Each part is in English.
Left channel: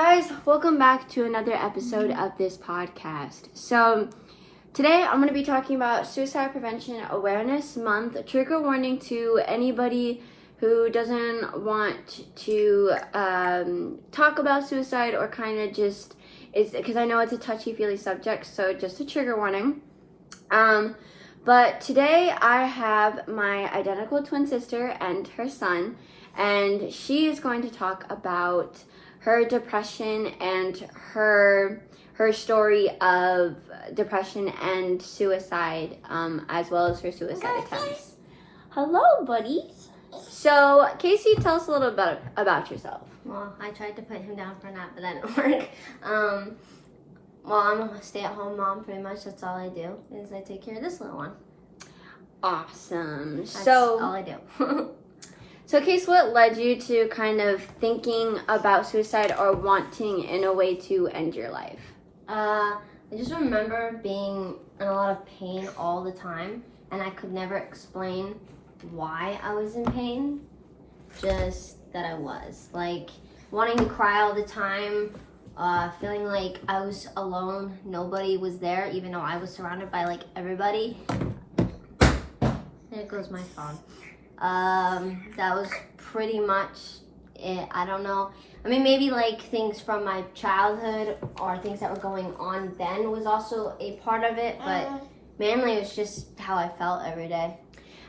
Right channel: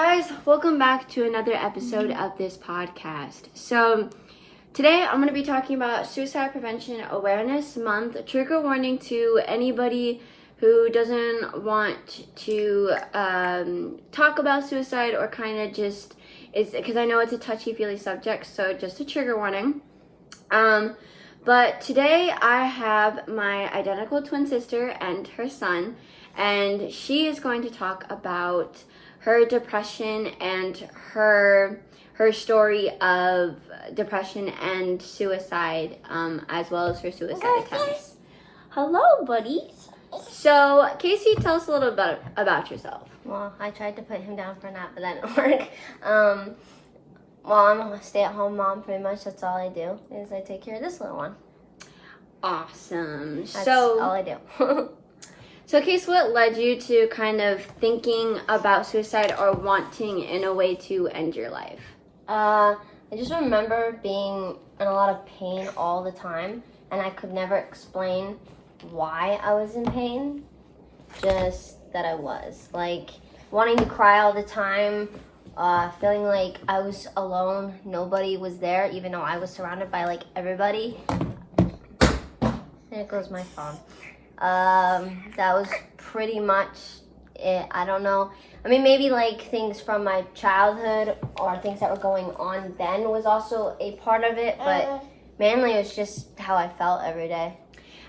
guys, welcome back to another episode of this podcast. So today I'm going to be talking about Suicide Prevention Awareness Month. Trigger warning to anybody who doesn't want to talk about suicide or kind of just is, because I know it's a touchy-feely subject, so just a trigger warning. But today I have my identical twin sister and her son, and she is going to talk about her depression and her story of depression and suicide, as well as her suicide attempts. Hello, buddies. So, Casey, tell us a little bit about yourself. Well, I tried to put him down for a nap, but that didn't work. Well, I'm a stay-at-home mom, pretty much. That's all I do, is I take care of this little one. Awesome. That's all I do. So, Case, what led you to kind of thinking about suicide or wanting in a way to end your life? I just remember being in a lot of pain all the time, and I could never explain why I was in pain, just that I was. Like, wanting to cry all the time, feeling like I was alone, nobody was there, even though I was surrounded by, like, everybody. There goes my phone. That was pretty much it. I don't know. I mean, maybe like things from my childhood or things that were going on then was also a part of it, but mainly it's just how I felt every day.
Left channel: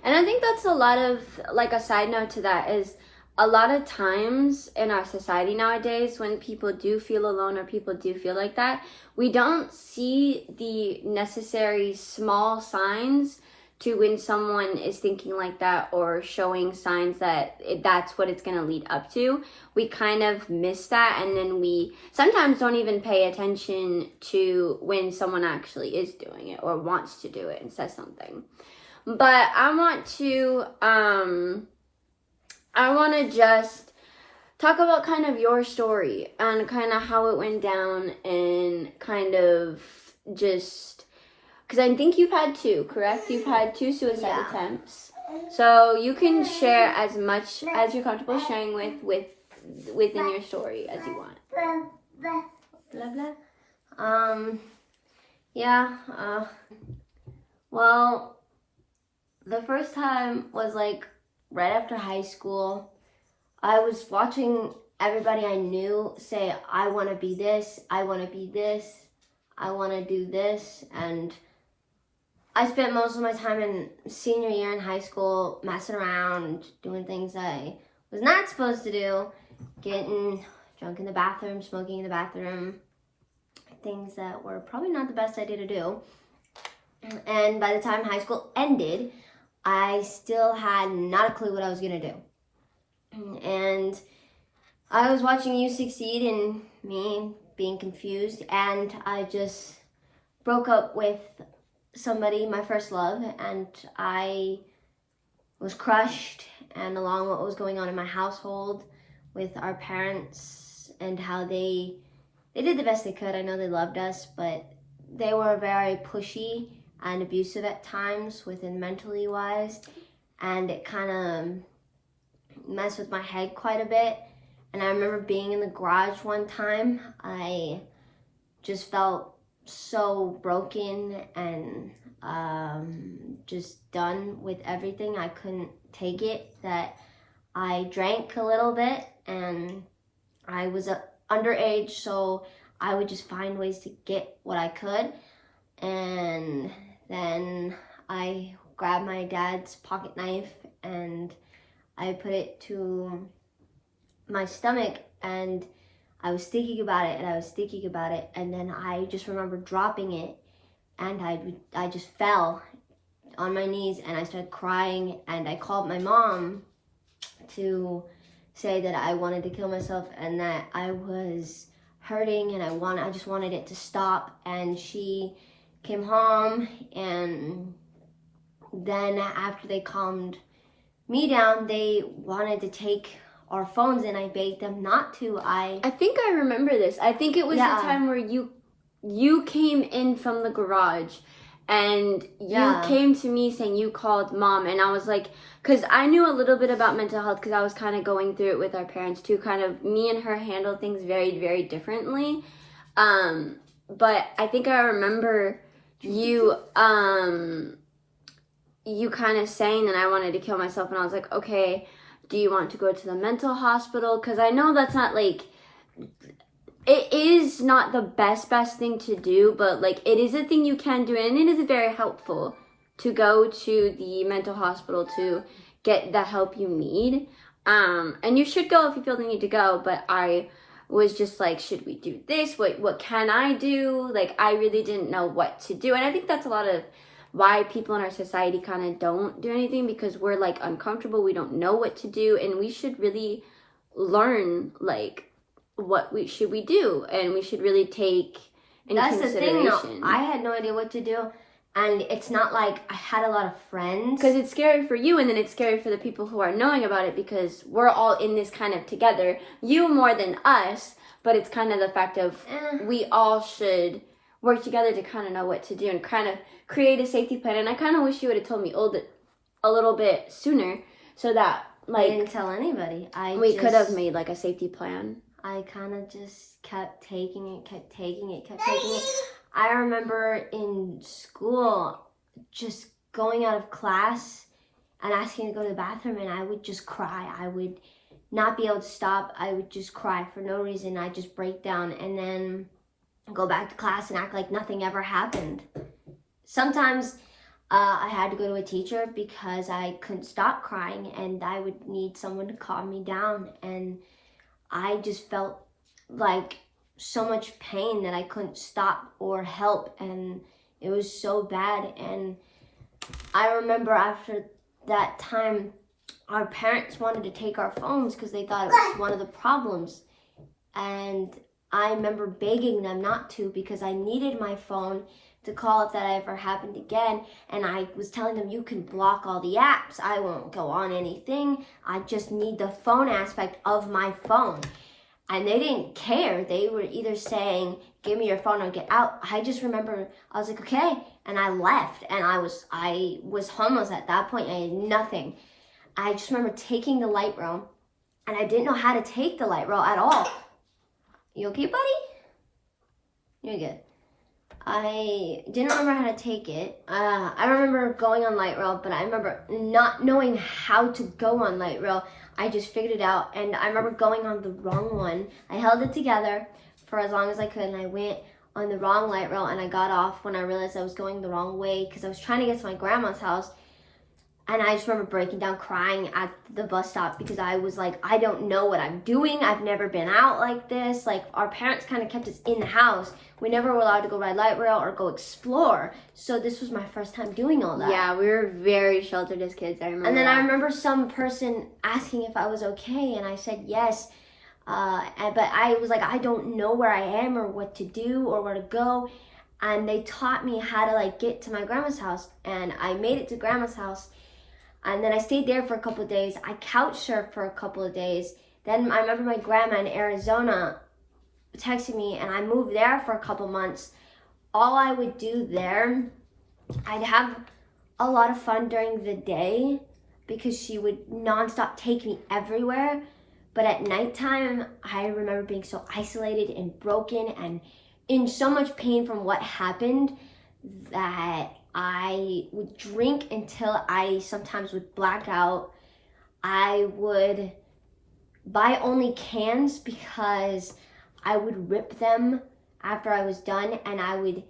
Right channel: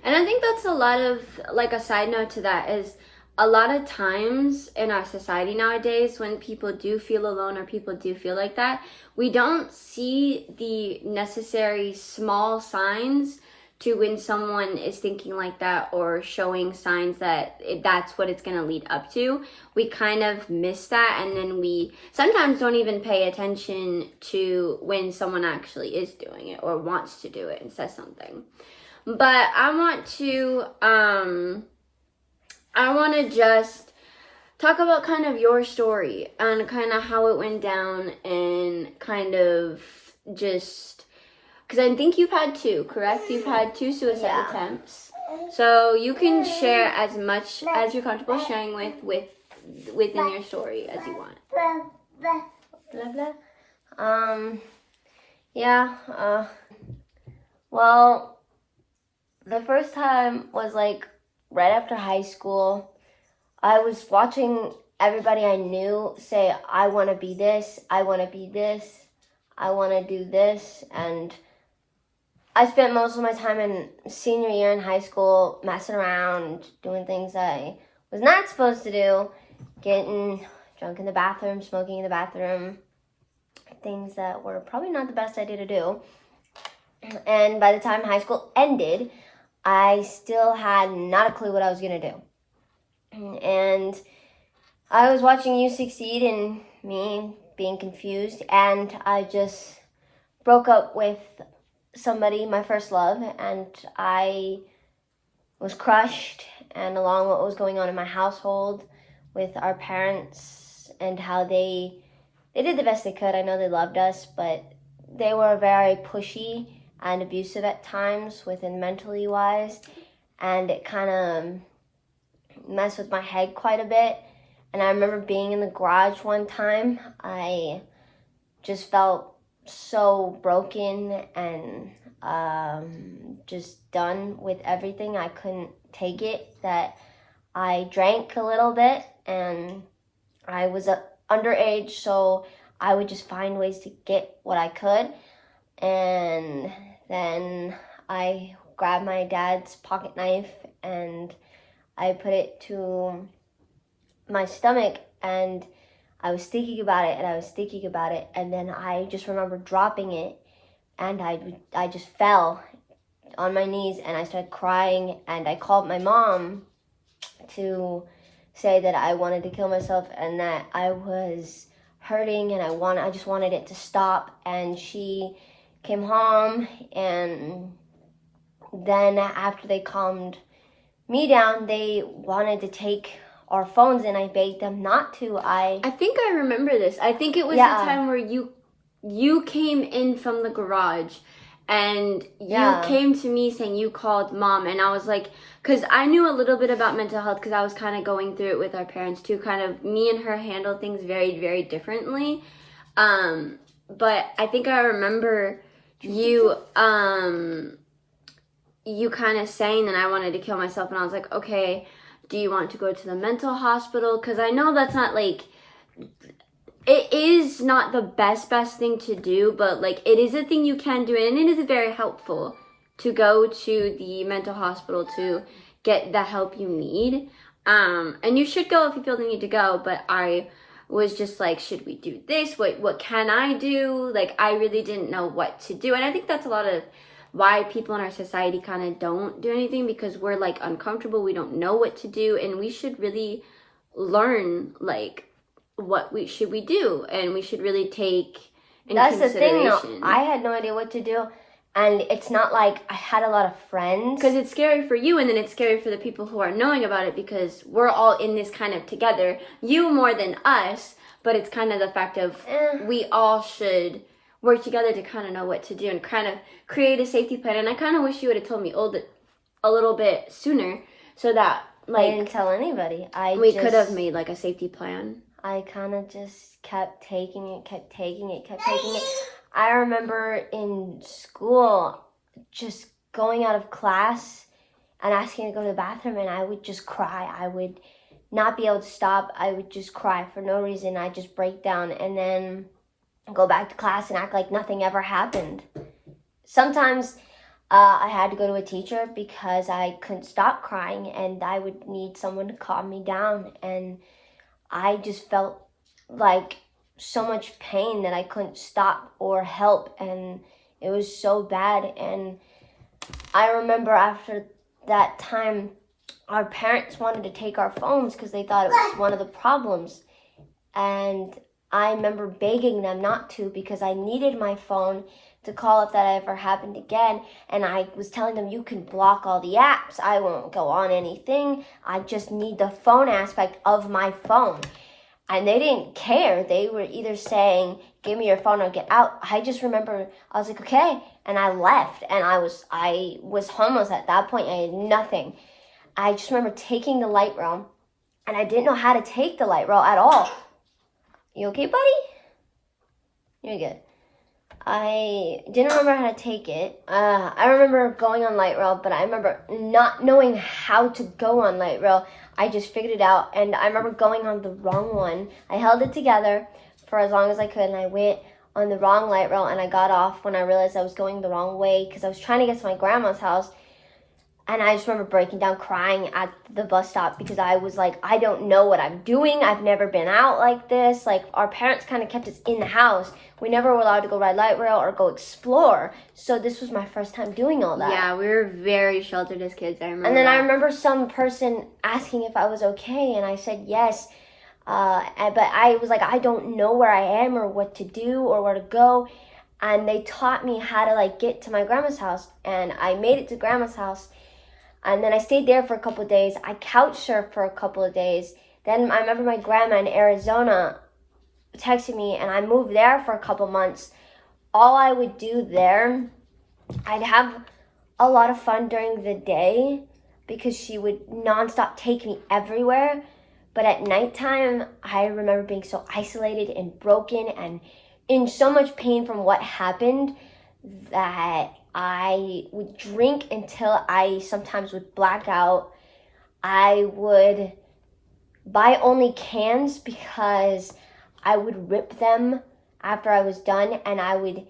And I think that's a lot of, like, a side note to that is a lot of times in our society nowadays when people do feel alone or people do feel like that, we don't see the necessary small signs to when someone is thinking like that or showing signs that that's what it's going to lead up to. We kind of miss that, and then we sometimes don't even pay attention to when someone actually is doing it or wants to do it and says something. But I want to just talk about kind of your story and kind of how it went down and kind of just... Because I think you've had two, correct? You've had two suicide attempts. So you can share as much as you're comfortable sharing within your story as you want. Blah, blah. Well, the first time was like right after high school. I was watching everybody I knew say, I want to be this, I want to be this, I want to do this, and I spent most of my time in senior year in high school messing around, doing things I was not supposed to do, getting drunk in the bathroom, smoking in the bathroom, things that were probably not the best idea to do. And by the time high school ended, I still had not a clue what I was going to do. And I was watching you succeed and me being confused, and I just broke up with somebody, my first love, and I was crushed, and along what was going on in my household with our parents and how they did the best they could. I know they loved us, but they were very pushy and abusive at times within mentally wise, and it kind of messed with my head quite a bit. And I remember being in the garage one time, I just felt so broken and just done with everything. I couldn't take it, that I drank a little bit, and I was underage, so I would just find ways to get what I could. And then I grabbed my dad's pocket knife and I put it to my stomach, and I was thinking about it, and then I just remember dropping it, and I just fell on my knees, and I started crying, and I called my mom to say that I wanted to kill myself and that I was hurting, and I just wanted it to stop. And she came home, and then after they calmed me down, they wanted to take our phones, and I begged them not to. I think I remember this. I think it was the time where you came in from the garage And Yeah. you came to me saying you called mom, and I was like, because I knew a little bit about mental health because I was kind of going through it with our parents too. Kind of me and her handle things very, very differently. But I think I remember you you kind of saying that I wanted to kill myself, and I was like, okay, do you want to go to the mental hospital? Because I know that's not like, it is not the best thing to do, but like it is a thing you can do, and it is very helpful to go to the mental hospital to get the help you need. And you should go if you feel the need to go, but I was just like, should we do this? What can I do? Like, I really didn't know what to do. And I think that's a lot of why people in our society kind of don't do anything, because we're like uncomfortable, we don't know what to do, and we should really learn like what we do, and we should really take in That's consideration. the thing, though. I had no idea what to do, and it's not like I had a lot of friends. Because it's scary for you, and then it's scary for the people who are knowing about it, because we're all in this kind of together. You more than us, but it's kind of the fact of we all should work together to kind of know what to do and kind of create a safety plan. And I kind of wish you would have told me a little bit sooner, so that like I didn't tell anybody. We could have made like a safety plan. I kind of just kept taking it. I remember in school just going out of class and asking to go to the bathroom, and I would just cry. I would not be able to stop. I would just cry for no reason. I'd just break down and then go back to class and act like nothing ever happened. Sometimes I had to go to a teacher because I couldn't stop crying, and I would need someone to calm me down. And I just felt like so much pain that I couldn't stop or help, and it was so bad. And I remember after that time, our parents wanted to take our phones because they thought it was one of the problems. And I remember begging them not to, because I needed my phone to call if that ever happened again. And I was telling them, you can block all the apps. I won't go on anything. I just need the phone aspect of my phone. And they didn't care. They were either saying, give me your phone or get out. I just remember I was like, okay. And I left. And I was homeless at that point. I had nothing. I just remember taking the light rail. And I didn't know how to take the light rail at all. You okay, buddy? You're good. I didn't remember how to take it. I remember going on light rail, but I remember not knowing how to go on light rail. I just figured it out, and I remember going on the wrong one. I held it together for as long as I could, and I went on the wrong light rail, and I got off when I realized I was going the wrong way because I was trying to get to my grandma's house. And I just remember breaking down crying at the bus stop because I was like, I don't know what I'm doing. I've never been out like this. Like, our parents kind of kept us in the house. We never were allowed to go ride light rail or go explore. So this was my first time doing all that. Yeah, we were very sheltered as kids, I remember. And then I remember some person asking if I was okay, and I said yes. But I was like, I don't know where I am or what to do or where to go. And they taught me how to like get to my grandma's house. And I made it to grandma's house. And then I stayed there for a couple of days. I couch surfed for a couple of days. Then I remember my grandma in Arizona texted me, and I moved there for a couple months. All I would do there, I'd have a lot of fun during the day because she would nonstop take me everywhere. But at nighttime, I remember being so isolated and broken and in so much pain from what happened that I would drink until I sometimes would black out. I would buy only cans because I would rip them after I was done, and I would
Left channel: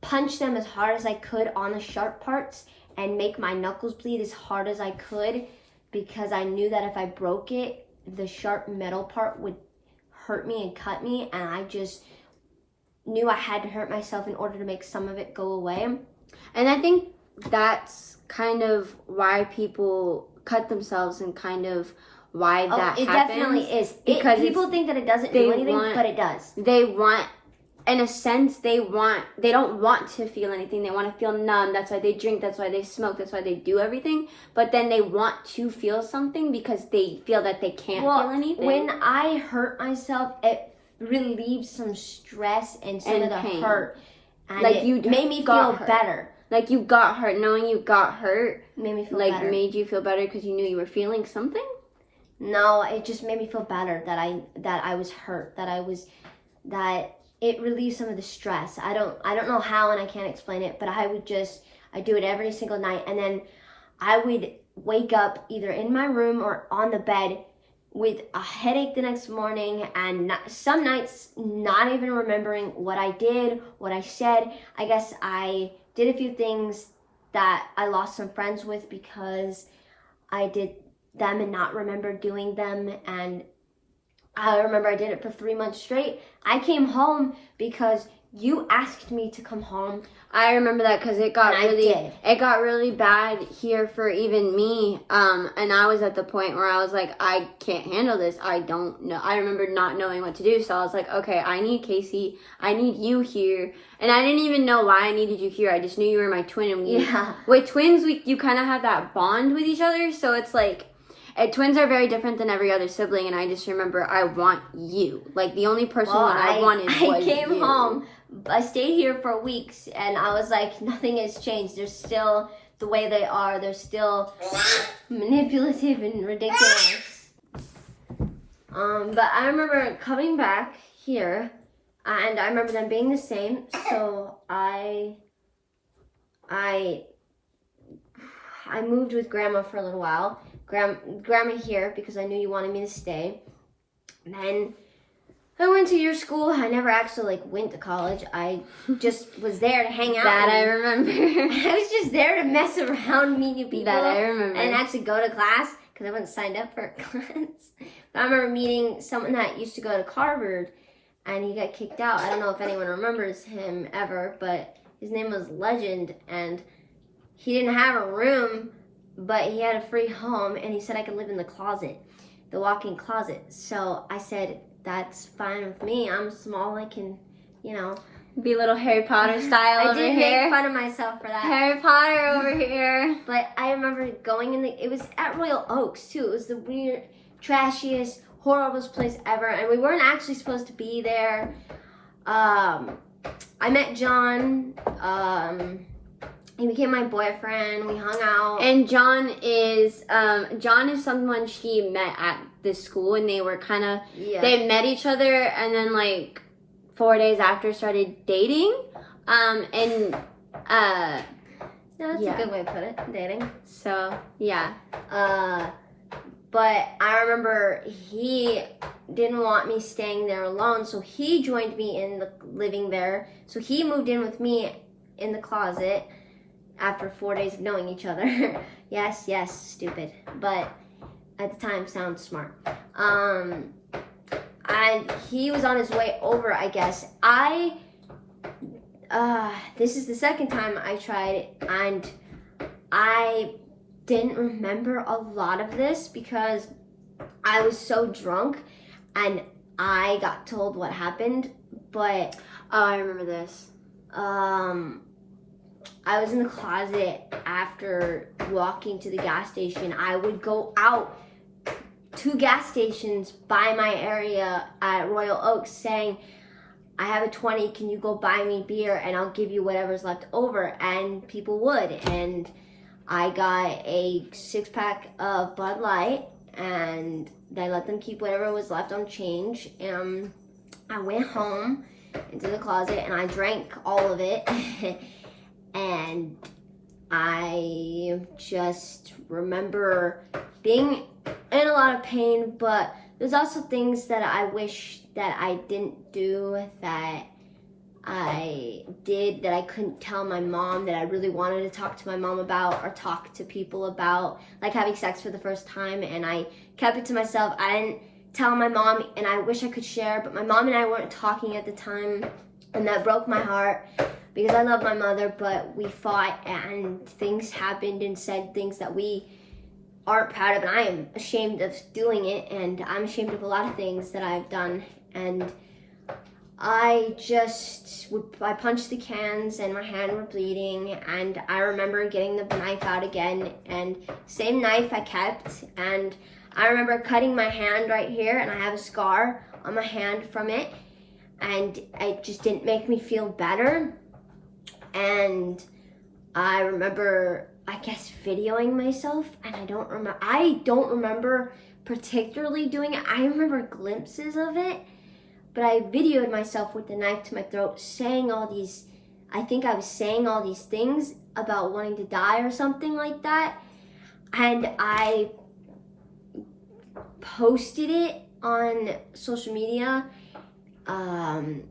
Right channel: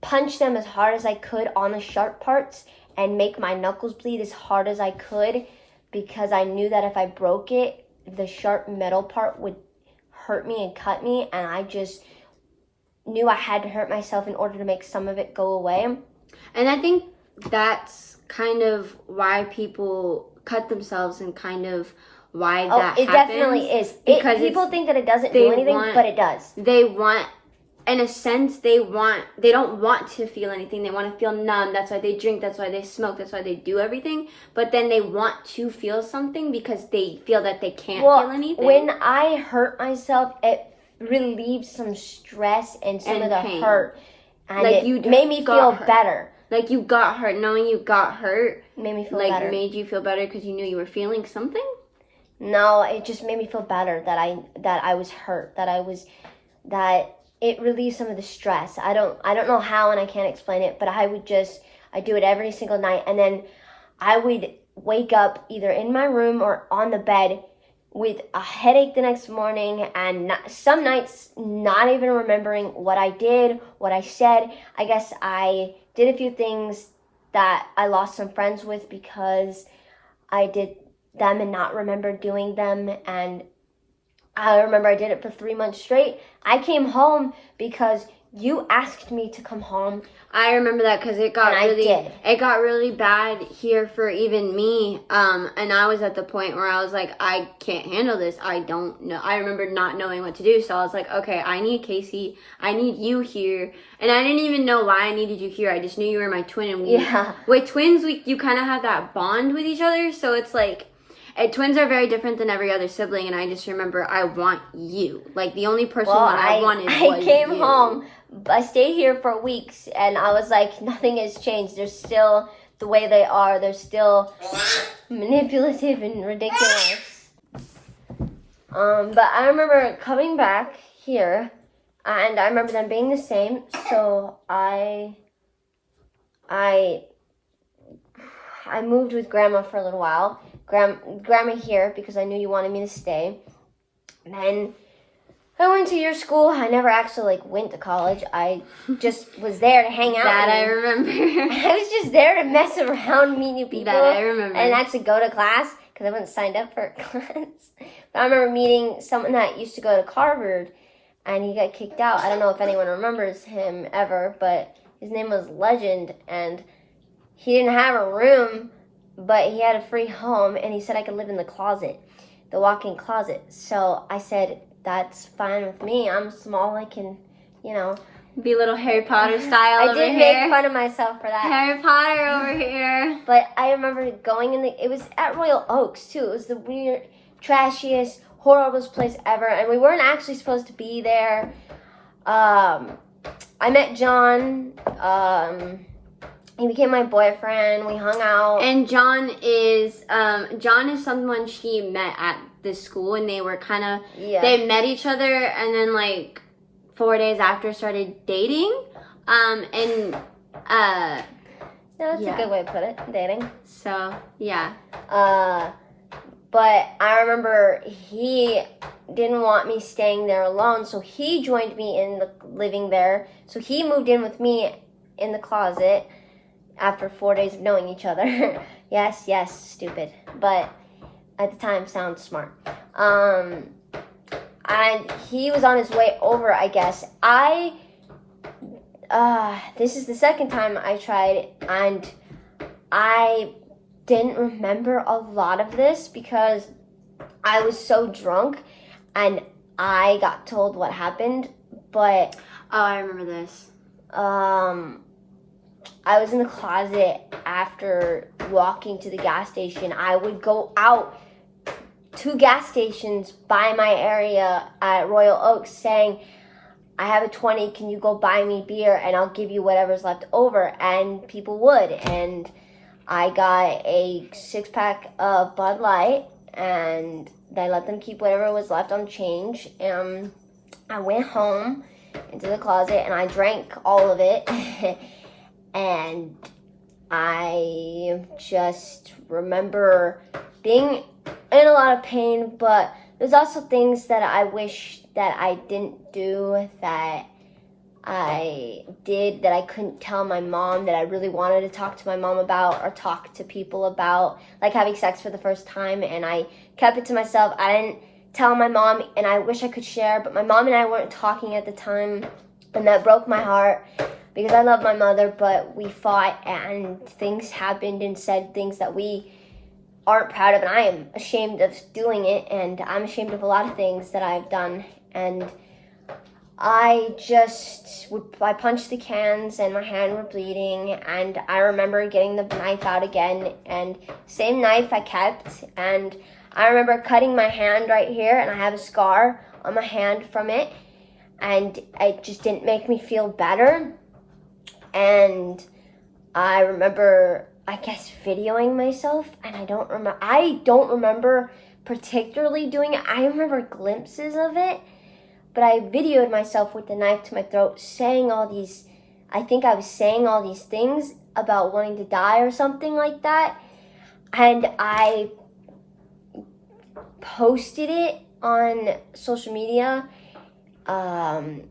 punch them as hard as I could on the sharp parts and make my knuckles bleed as hard as I could because I knew that if I broke it, the sharp metal part would hurt me and cut me, and I just knew I had to hurt myself in order to make some of it go away. And I think that's kind of why people cut themselves and kind of why that it happens. It definitely is. Because people think that it doesn't do anything, but it does. They want, in a sense, they don't want to feel anything. They want to feel numb. That's why they drink. That's why they smoke. That's why they do everything. But then they want to feel something because they feel that they can't feel anything. When I hurt myself, it relieves some stress and some of the pain. hurt. And like it made me feel better. like you got hurt, knowing you got hurt, made me feel like better. made you feel better because you knew you were feeling something? No, it just made me feel better that I was hurt, that it relieved some of the stress. I don't know how, and I can't explain it, but I do it every single night, and then I would wake up either in my room or on the bed with a headache the next morning, and some nights not even remembering what I did, what I said. I guess I did a few things that I lost some friends with because I did them and not remember doing them. And I remember I did it for 3 months straight. I came home because you asked me to come home. I remember that because it got really bad here for even me. And I was at the point where I was like, I can't handle this. I don't know. I remember not knowing what to do. So I was like, okay, I need Casey. I need you here. And I didn't even know why I needed you here. I just knew you were my twin. And with twins, you kind of have that bond with each other. So it's like, twins are very different than every other sibling. And I just remember, I want you. Like, the only person I wanted was you. I came home. I stayed here for weeks, and I was like, nothing has changed. They're still the way they are. They're still manipulative and ridiculous. But I remember coming back here, and I remember them being the same. So I moved with Grandma for a little while. Grandma here because I knew you wanted me to stay. And then I went to your school. I never actually went to college. I just was there to hang out. That I remember. I was just there to mess around, meet new people. That I remember. And actually go to class because I wasn't signed up for class. But I remember meeting someone that used to go to Harvard, and he got kicked out. I don't know if anyone remembers him ever, but his name was Legend, and he didn't have a room, but he had a free home, and he said I could live in the closet, the walk-in closet. So I said, that's fine with me. I'm small. I can, be a little Harry Potter style over here. I did make fun of myself for that. Harry Potter over here. But I remember going it was at Royal Oaks, too. It was the weird, trashiest, horriblest place ever. And we weren't actually supposed to be there. I met John. He became my boyfriend. We hung out. And John is someone she met at this school, and they were they met each other, and then 4 days after started dating. That's a good way to put it, dating. So yeah. But I remember he didn't want me staying there alone, so he joined me in living there. So he moved in with me in the closet after 4 days of knowing each other. Yes, stupid. But at the time, sounds smart. And he was on his way over, I guess. This is the second time I tried, and I didn't remember a lot of this because I was so drunk, and I got told what happened, but... Oh, I remember this. I was in the closet after walking to the gas station. I would go out to gas stations by my area at Royal Oaks saying, I have a 20, can you go buy me beer and I'll give you whatever's left over? And people would. And I got a 6-pack of Bud Light, and I let them keep whatever was left on change. And I went home into the closet and I drank all of it. And I just remember being in a lot of pain, but there's also things that I wish that I didn't do, that I did that I couldn't tell my mom, that I really wanted to talk to my mom about or talk to people about, like having sex for the first time, and I kept it to myself. I didn't tell my mom, and I wish I could share, but my mom and I weren't talking at the time, and that broke my heart. Because I love my mother, but we fought and things happened and said things that we aren't proud of. And I am ashamed of doing it. And I'm ashamed of a lot of things that I've done. And I punched the cans and my hand was bleeding. And I remember getting the knife out again. And same knife I kept. And I remember cutting my hand right here. And I have a scar on my hand from it. And it just didn't make me feel better. And I remember, I guess, videoing myself, and I don't remember particularly doing it. I remember glimpses of it, but I videoed myself with the knife to my throat, saying all these, I think I was saying all these things about wanting to die or something like that, and I posted it on social media, and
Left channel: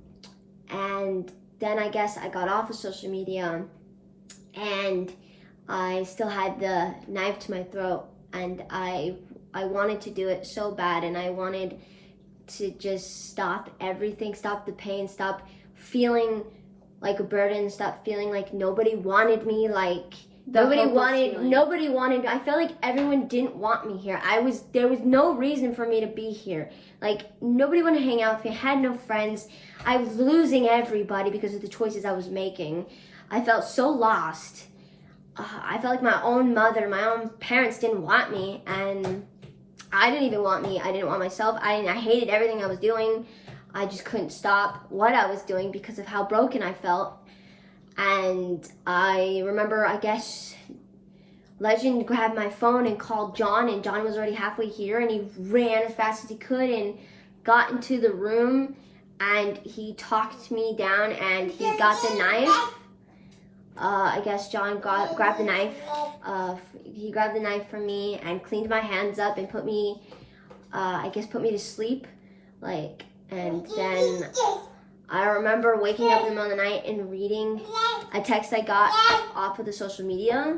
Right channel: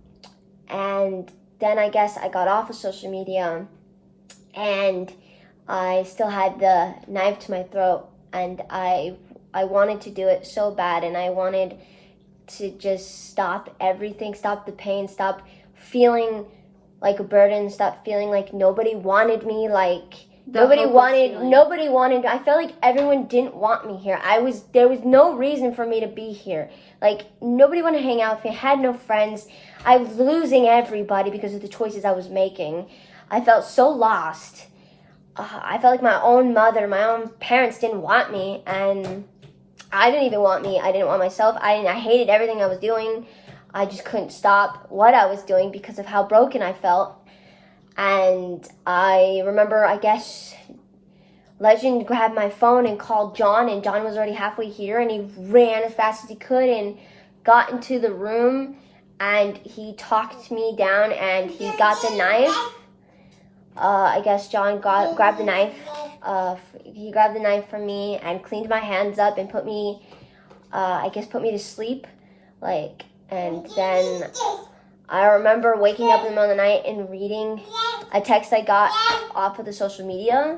then I guess I got off of social media, and I still had the knife to my throat, and I wanted to do it so bad, and I wanted to just stop everything, stop the pain, stop feeling like a burden, stop feeling like nobody wanted me, like nobody wanted. I felt like everyone didn't want me here. There was no reason for me to be here. Like nobody wanted to hang out with me. I had no friends. I was losing everybody because of the choices I was making. I felt so lost. I felt like my own mother, my own parents didn't want me, and I didn't even want me. I didn't want myself. I hated everything I was doing. I just couldn't stop what I was doing because of how broken I felt. And I remember, I guess, Legend grabbed my phone and called John, and John was already halfway here, and he ran as fast as he could and got into the room, and he talked me down, and he got the knife. I guess John grabbed the knife. He grabbed the knife from me and cleaned my hands up and put me to sleep. And then I remember waking up in the middle of the night and reading a text I got off of the social media.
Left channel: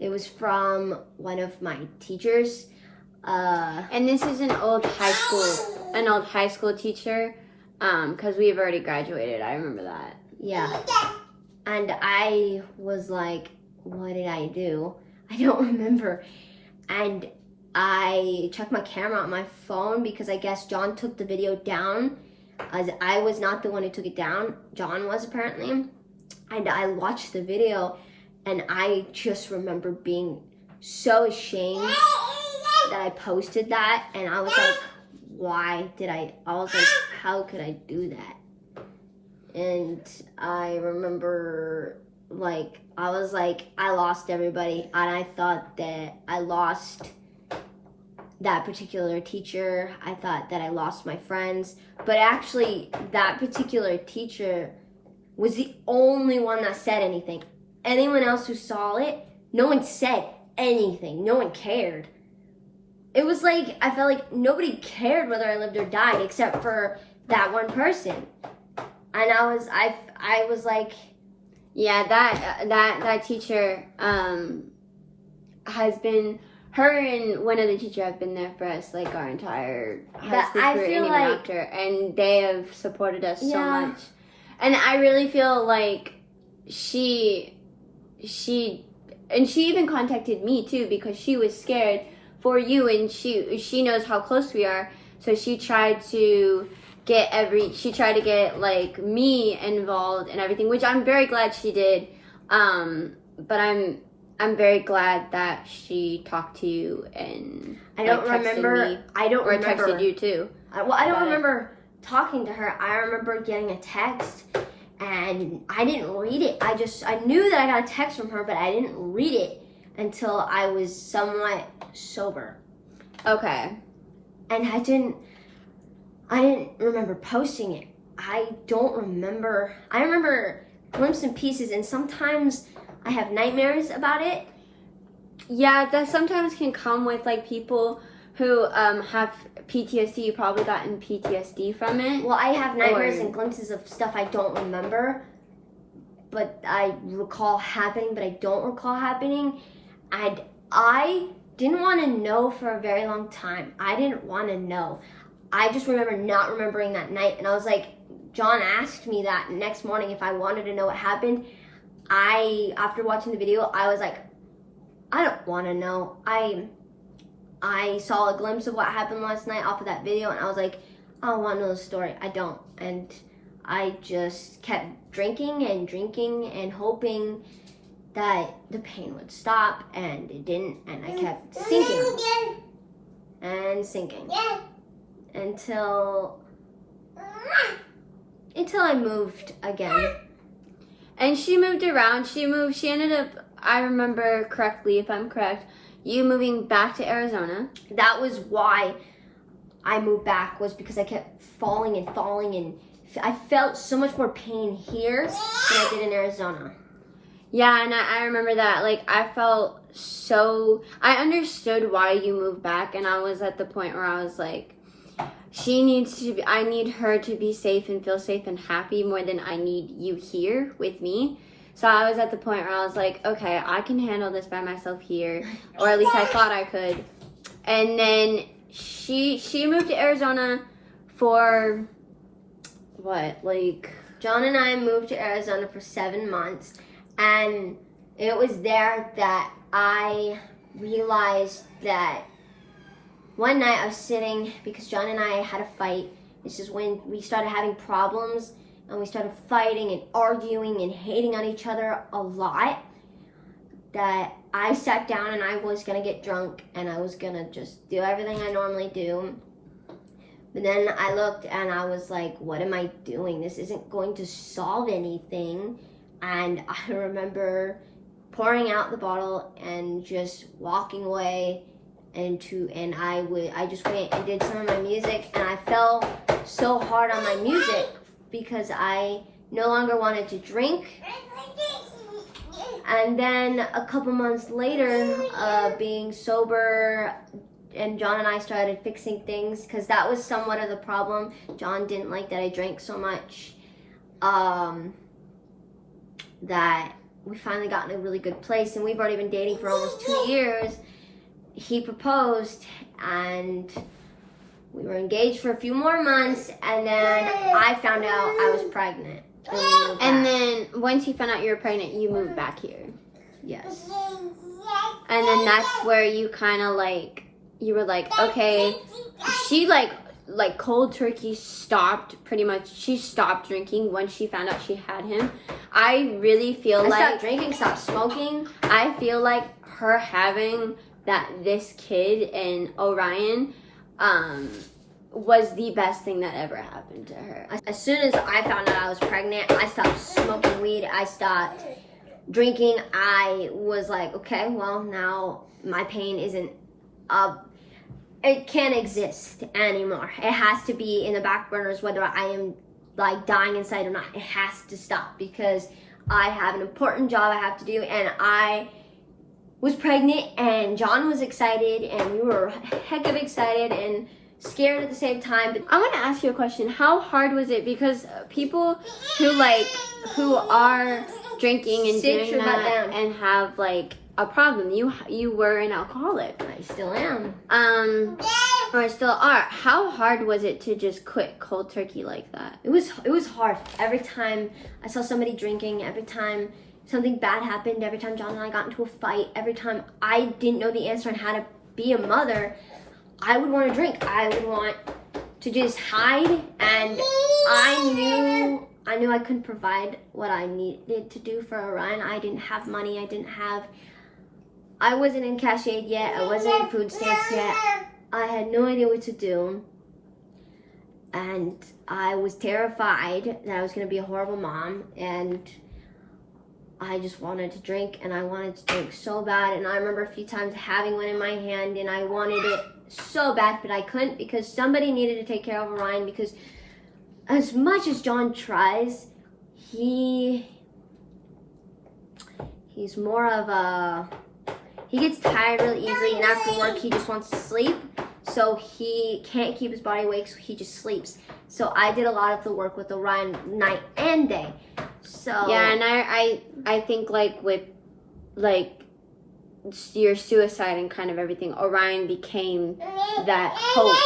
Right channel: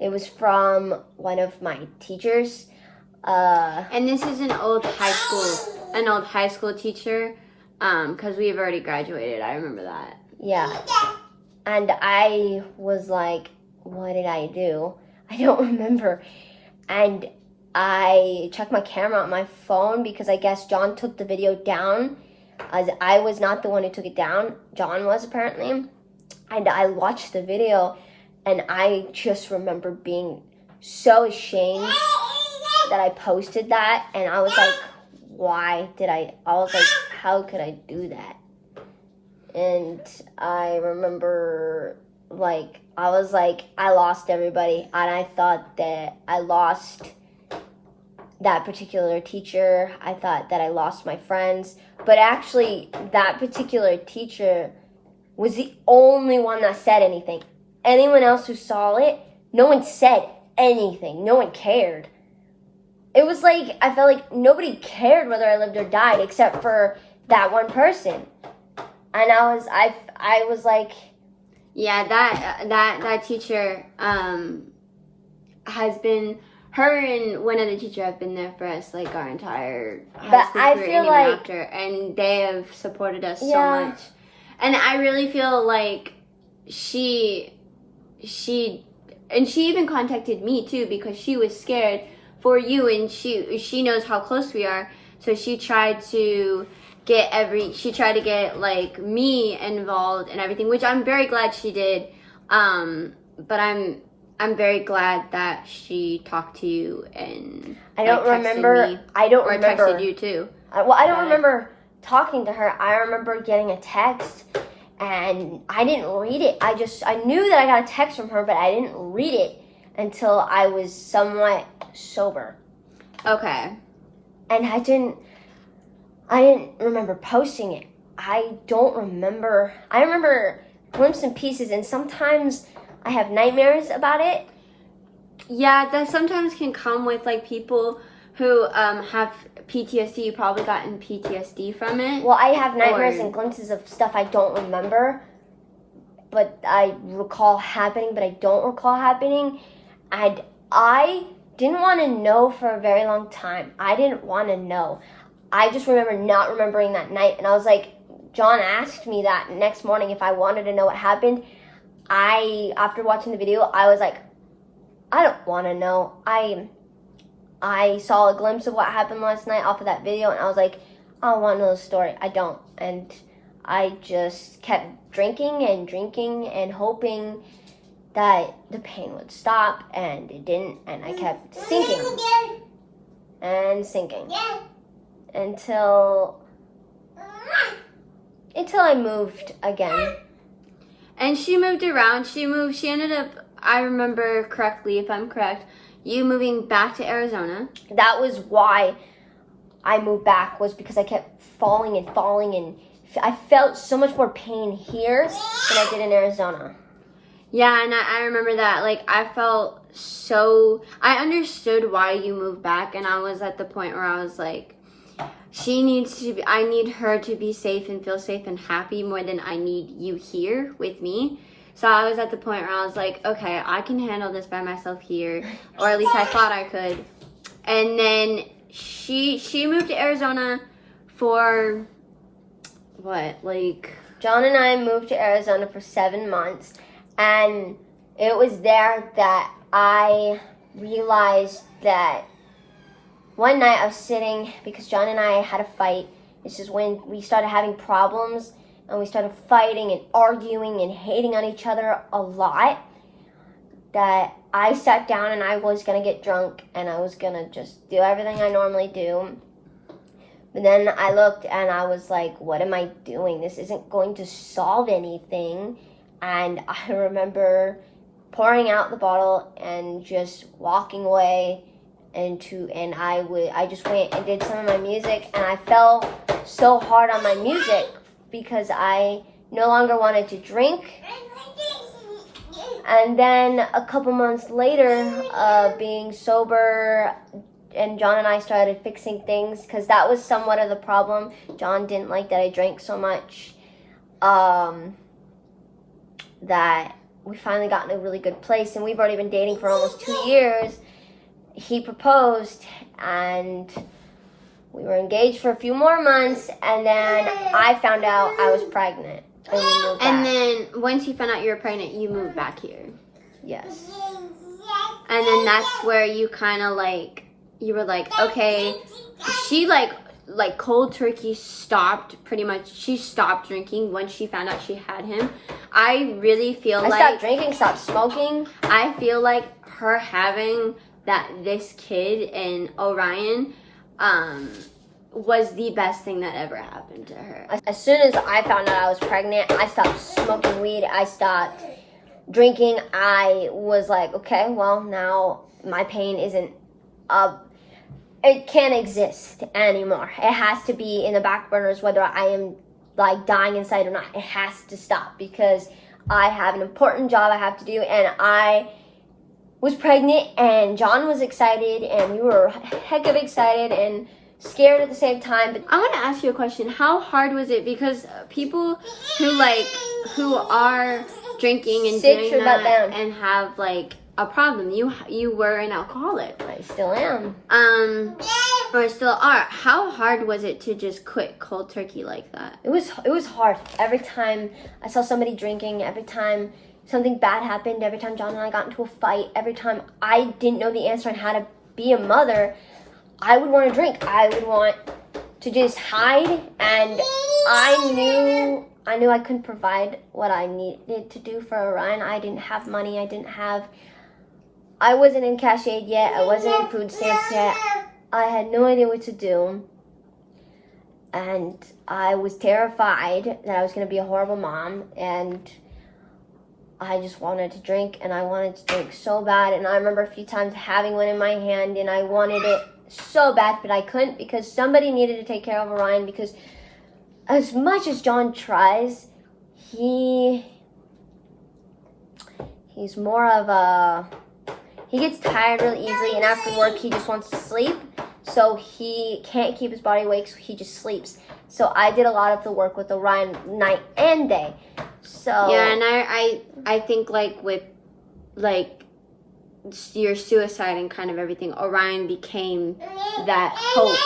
It was from one of my teachers. And this is an old high school teacher, because we've already graduated. I remember that. Yeah. And I was like, what did I do? I don't remember. And I checked my camera on my phone because I guess John took the video down, as I was not the one who took it down. John was, apparently. And I watched the video, and I just remember being so ashamed that I posted that, and I was like, how could I do that? And I remember, I lost everybody, and I thought that I lost that particular teacher. I thought that I lost my friends, but actually, that particular teacher was the only one that said anything. Anyone else who saw it, no one said anything. No one cared. It was like, I felt like nobody cared whether I lived or died except for that one person. And I was like, yeah, that teacher has been, her and one other teacher have been there for us like our entire high school career and even after, and they have supported us so much. And I really feel like she even contacted me too because she was scared for you, and she knows how close we are, so she tried to get like me involved and everything, which I'm very glad she did. But I'm very glad that she talked to you and texted me. I don't remember. Or texted you too. I don't remember talking to her. I remember getting a text, and I didn't read it. I knew that I got a text from her, but I didn't read it until I was somewhat sober. Okay. And I didn't remember posting it. I remember glimpses and pieces, and sometimes I have nightmares about it. Yeah, that sometimes can come with like people who have PTSD. You probably gotten PTSD from it. Well, I have nightmares and glimpses of stuff I don't remember, but I recall happening, but I don't recall happening. And I didn't want to know for a very long time. I didn't want to know. I just remember not remembering that night, and I was like, John asked me that next morning if I wanted to know what happened. After watching the video, I was like, I don't want to know. I saw a glimpse of what happened last night off of that video, and I was like, I don't want to know the story. I don't. And I just kept drinking and hoping that the pain would stop, and it didn't, and I kept sinking and sinking until I moved again. And she moved around. She ended up, I remember correctly, if I'm correct, you moving back to Arizona. That was why I moved back, was because I kept falling and falling, and I felt so much more pain here than I did in Arizona. Yeah, and I remember that. Like, I felt so, I understood why you moved back, and I was at the point where I was like, I need her to be safe and feel safe and happy more than I need you here with me. So I was at the point where I was like, okay, I can handle this by myself here, or at least I thought I could. And then she moved to Arizona for what, like? John and I moved to Arizona for 7 months, and it was there that I realized that one night I was sitting, because John and I had a fight. This is when we started having problems, and we started fighting and arguing and hating on each other a lot, that I sat down and I was going to get drunk, and I was going to just do everything I normally do. But then I looked and I was like, what am I doing? This isn't going to solve anything. And I remember pouring out the bottle and just walking away, and I just went and did some of my music, and I fell so hard on my music because I no longer wanted to drink. And then a couple months later, being sober, and John and I started fixing things, because that was somewhat of the problem. John didn't like that I drank so much. That we finally got in a really good place, and we've already been dating for almost 2 years. He proposed, and we were engaged for a few more months, and then I found out I was pregnant, and we moved back. And then once you found out you were pregnant, you moved back here. Yes. And then that's where you kind of like, you were like, okay, she like cold turkey stopped, pretty much. She stopped drinking once she found out she had him. I really feel I like stopped drinking, stopped smoking. I feel like her having this kid and Orion was the best thing that ever happened to her. As soon as I found out I was pregnant, I stopped smoking weed. I stopped drinking. I was like, okay, well, now my pain isn't it can't exist anymore. It has to be in the back burners, whether I am like dying inside or not. It has to stop, because I have an important job I have to do, and I was pregnant, and John was excited, and we were heck of excited and scared at the same time. But I want to ask you a question. How hard was it? Because people who are drinking and doing that and have like a problem. You were an alcoholic. I still am. Or still are. How hard was it to just quit cold turkey like that? It was hard. Every time I saw somebody drinking, every time something bad happened, every time John and I got into a fight, every time I didn't know the answer on how to be a mother, I would want to drink. I would want to just hide, and I knew I couldn't provide what I needed to do for Orion. I didn't have money. I wasn't in cash aid yet. I wasn't in food stamps yet. I had no idea what to do. And I was terrified that I was going to be a horrible mom. And I just wanted to drink, and I wanted to drink so bad. And I remember a few times having one in my hand, and I wanted it so bad, but I couldn't, because somebody needed to take care of Orion. Because as much as John tries, he's more of a... He gets tired really easily, and after work, he just wants to sleep. So he can't keep his body awake, so he just sleeps. So I did a lot of the work with Orion night and day. So yeah, and I think like with like your suicide and kind of everything, Orion became that hope,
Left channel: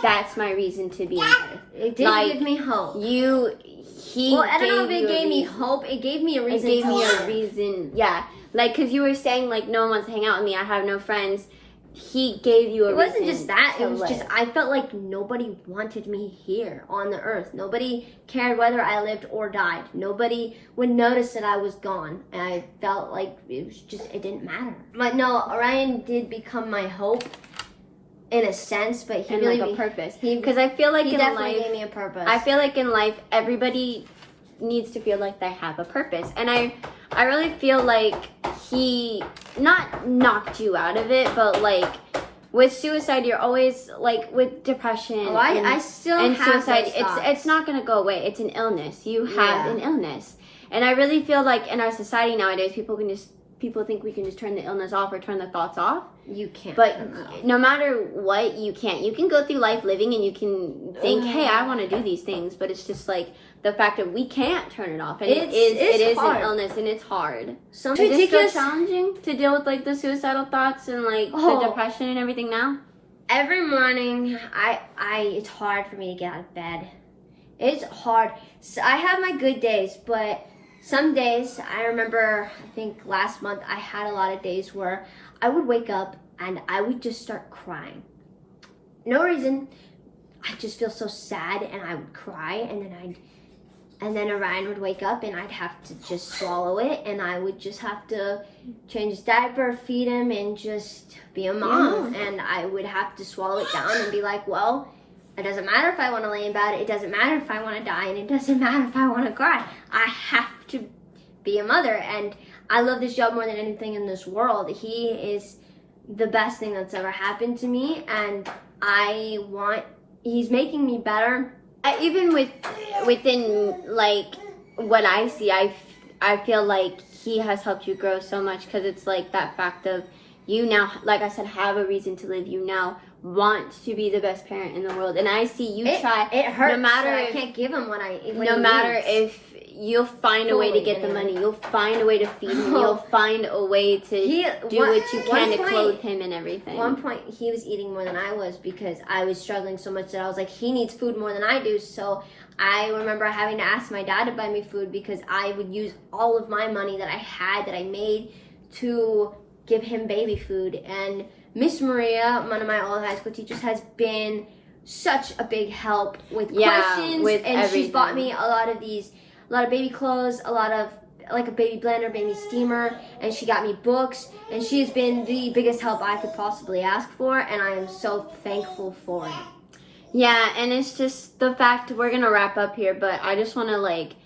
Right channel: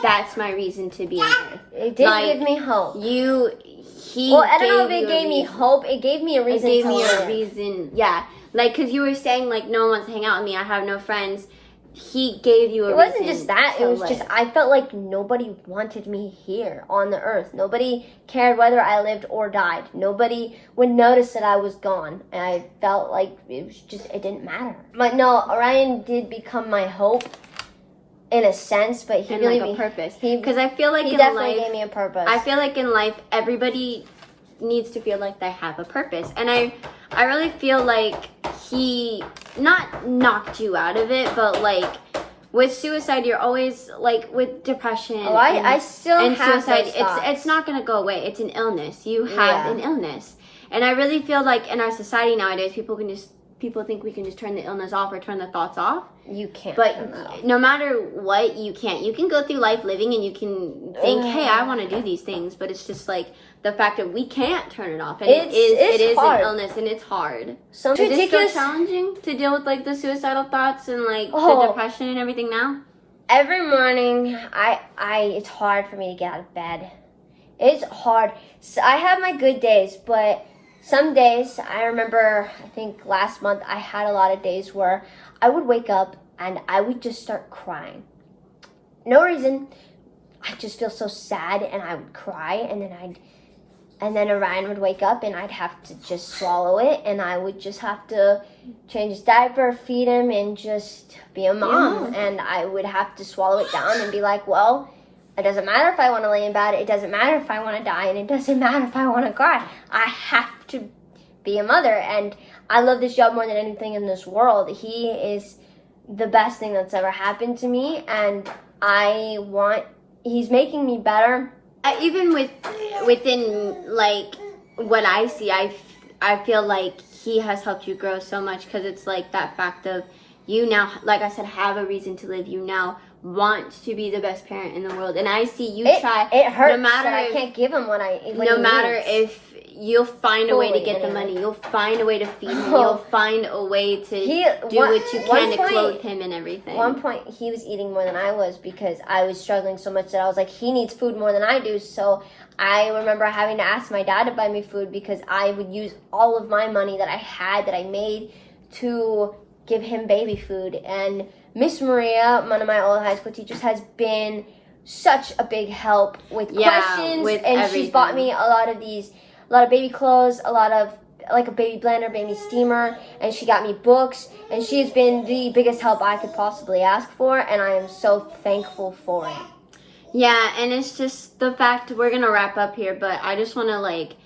that's my reason to be on Earth. It did give me hope. I don't know if it gave me hope. It gave me a reason. It gave me a reason, yeah. Like, because you were saying, like, no one wants to hang out with me. I have no friends. He gave you a reason. It wasn't just that. It was just, I felt like nobody wanted me here on the earth. Nobody cared whether I lived or died. Nobody would notice that I was gone. And I felt like it didn't matter. But no, Orion did become my hope in a sense, but he like a purpose. Because I feel like he in definitely life, gave me a purpose. I feel like in life, everybody needs to feel like they have a purpose. And I really feel like he not knocked you out of it, but like with suicide, you're always like with depression I still and have suicide. those thoughts. It's not gonna go away. It's an illness. You have an illness, and I really feel like in our society nowadays, people think we can just turn the illness off or turn the thoughts off. You can't. But no matter what, you can't. You can go through life living and you can think, hey, I want to do these things. But it's just like the fact that we can't turn it off. And it is an illness and it's hard. So is it still challenging to deal with like the suicidal thoughts and like the depression and everything now? Every morning, it's hard for me to get out of bed. It's hard. So I have my good days, but some days, I remember, I think last month, I had a lot of days where I would wake up and I would just start crying. No reason. I just feel so sad and I would cry and then Orion would wake up and I'd have to just swallow it and I would just have to change his diaper, feed him, and just be a mom. And I would have to swallow it down and be like, well, it doesn't matter if I want to lay in bed. It doesn't matter if I want to die. And it doesn't matter if I want to cry. I have to be a mother. And I love this job more than anything in this world. He is the best thing that's ever happened to me. And he's making me better. Even within like what I see, I feel like he has helped you grow so much because it's like that fact of you now, like I said, have a reason to live. You now want to be the best parent in the world, and I see you try. It hurts. No matter so if I can't give him what I. No matter if you'll find a way to get the money, you'll find a way to feed him, you'll find a way to do what you can to clothe him and everything. At one point, he was eating more than I was because I was struggling so much that I was like, he needs food more than I do. So I remember having to ask my dad to buy me food because I would use all of my money that I had, that I made, to give him baby food. And Miss Maria, one of my old high school teachers, has been such a big help with questions. And everything. She's bought me a lot of baby clothes, a lot of like a baby blender, baby steamer, and she got me books. And she's been the biggest help I could possibly ask for, and I am so thankful for it. Yeah, and it's just the fact, we're gonna wrap up here, but I just want to like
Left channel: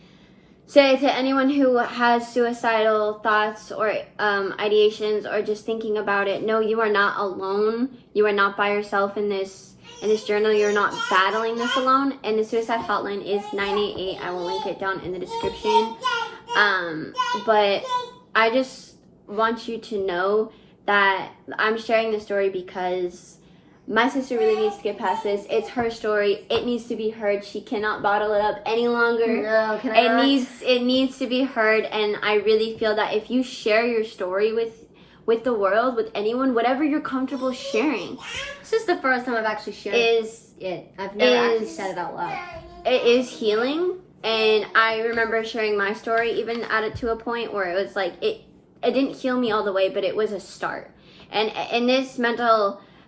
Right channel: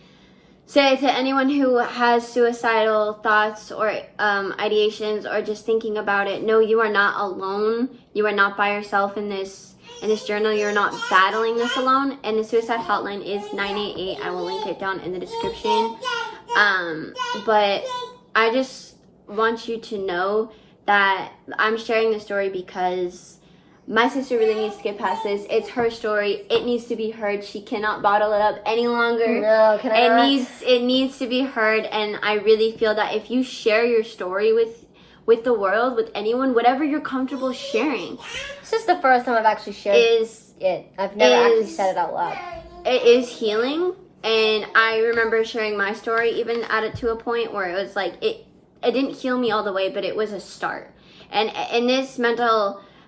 say to anyone who has suicidal thoughts or ideations or just thinking about it, no, you are not alone. You are not by yourself in this journal. You're not battling this alone. And the suicide hotline is 988. I will link it down in the description. But I just want you to know that I'm sharing this story because my sister really needs to get past this. It's her story. It needs to be heard. She cannot bottle it up any longer. No, it needs to be heard. And I really feel that if you share your story with the world, with anyone, whatever you're comfortable sharing. This is the first time I've actually shared it. I've never actually said it out loud. It is healing. And I remember sharing my story even to a point where it was like, it didn't heal me all the way, but it was a start. And this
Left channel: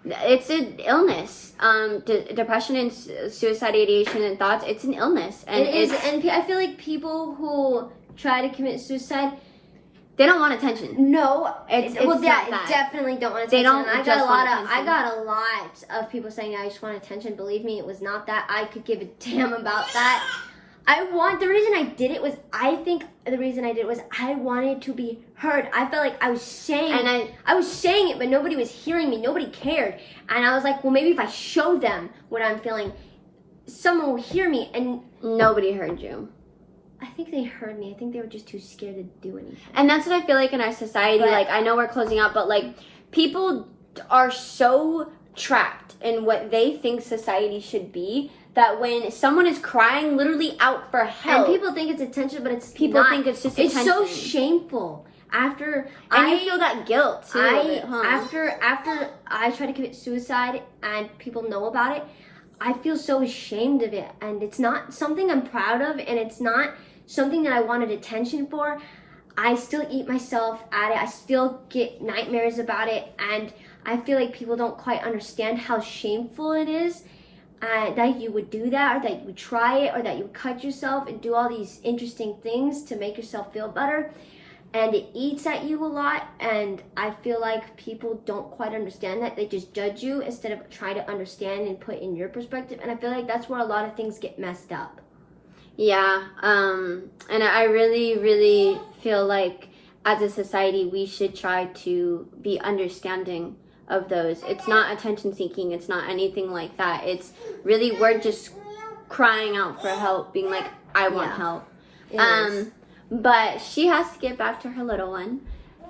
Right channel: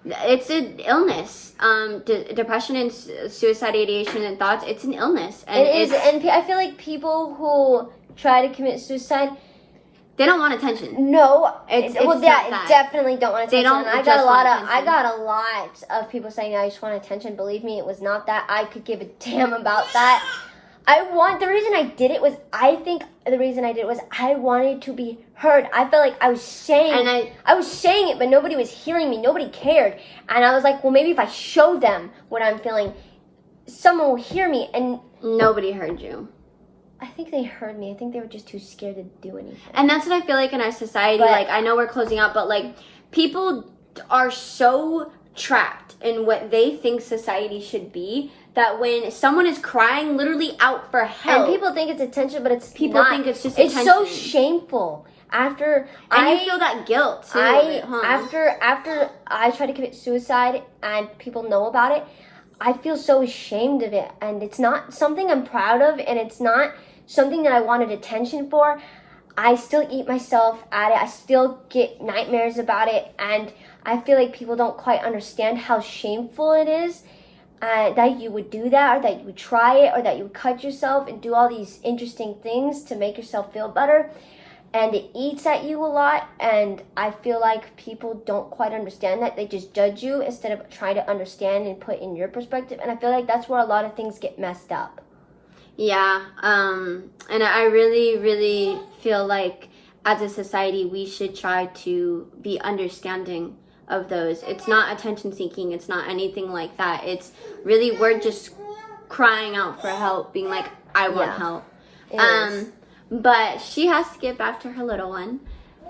it's an illness. Depression and suicide ideation and thoughts, it's an illness. And it is, and I feel like people who try to commit suicide, they don't want attention. No, it's not that. Definitely don't want attention. They don't I got a lot of people saying I just want attention. Believe me, it was not that. I could give a damn about that. The reason I did it was, I wanted to be heard. I felt like I was saying, I was saying it, but nobody was hearing me. Nobody cared. And I was like, well, maybe if I show them what I'm feeling, someone will hear me. And nobody heard you. I think they heard me. I think they were just too scared to do anything. And that's what I feel like in our society. Like, I know we're closing out, but like, people are so trapped in what they think society should be that when someone is crying literally out for help, and people think it's attention, but people think it's just attention. It's so shameful. You feel that guilt too. After I try to commit suicide and people know about it, I feel so ashamed of it, and it's not something I'm proud of, and it's not something that I wanted attention for. I still eat myself at it. I still get nightmares about it, and I feel like people don't quite understand how shameful it is. That you would do that, or that you would try it, or that you would cut yourself and do all these interesting things to make yourself feel better. And it eats at you a lot, and I feel like people don't quite understand that. They just judge you instead of trying to understand and put in your perspective. And I feel like that's where a lot of things get messed up. Yeah, and I really, really feel like as a society we should try to be understanding of those. It's not attention seeking, it's not anything like that. It's really we're just crying out for help, being like, I want Yeah, help. it is. But she has to get back to her little one.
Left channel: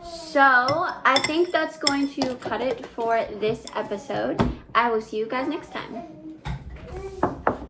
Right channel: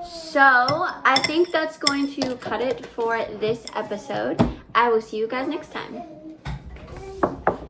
So I think that's going to cut it for this episode. I will see you guys next time.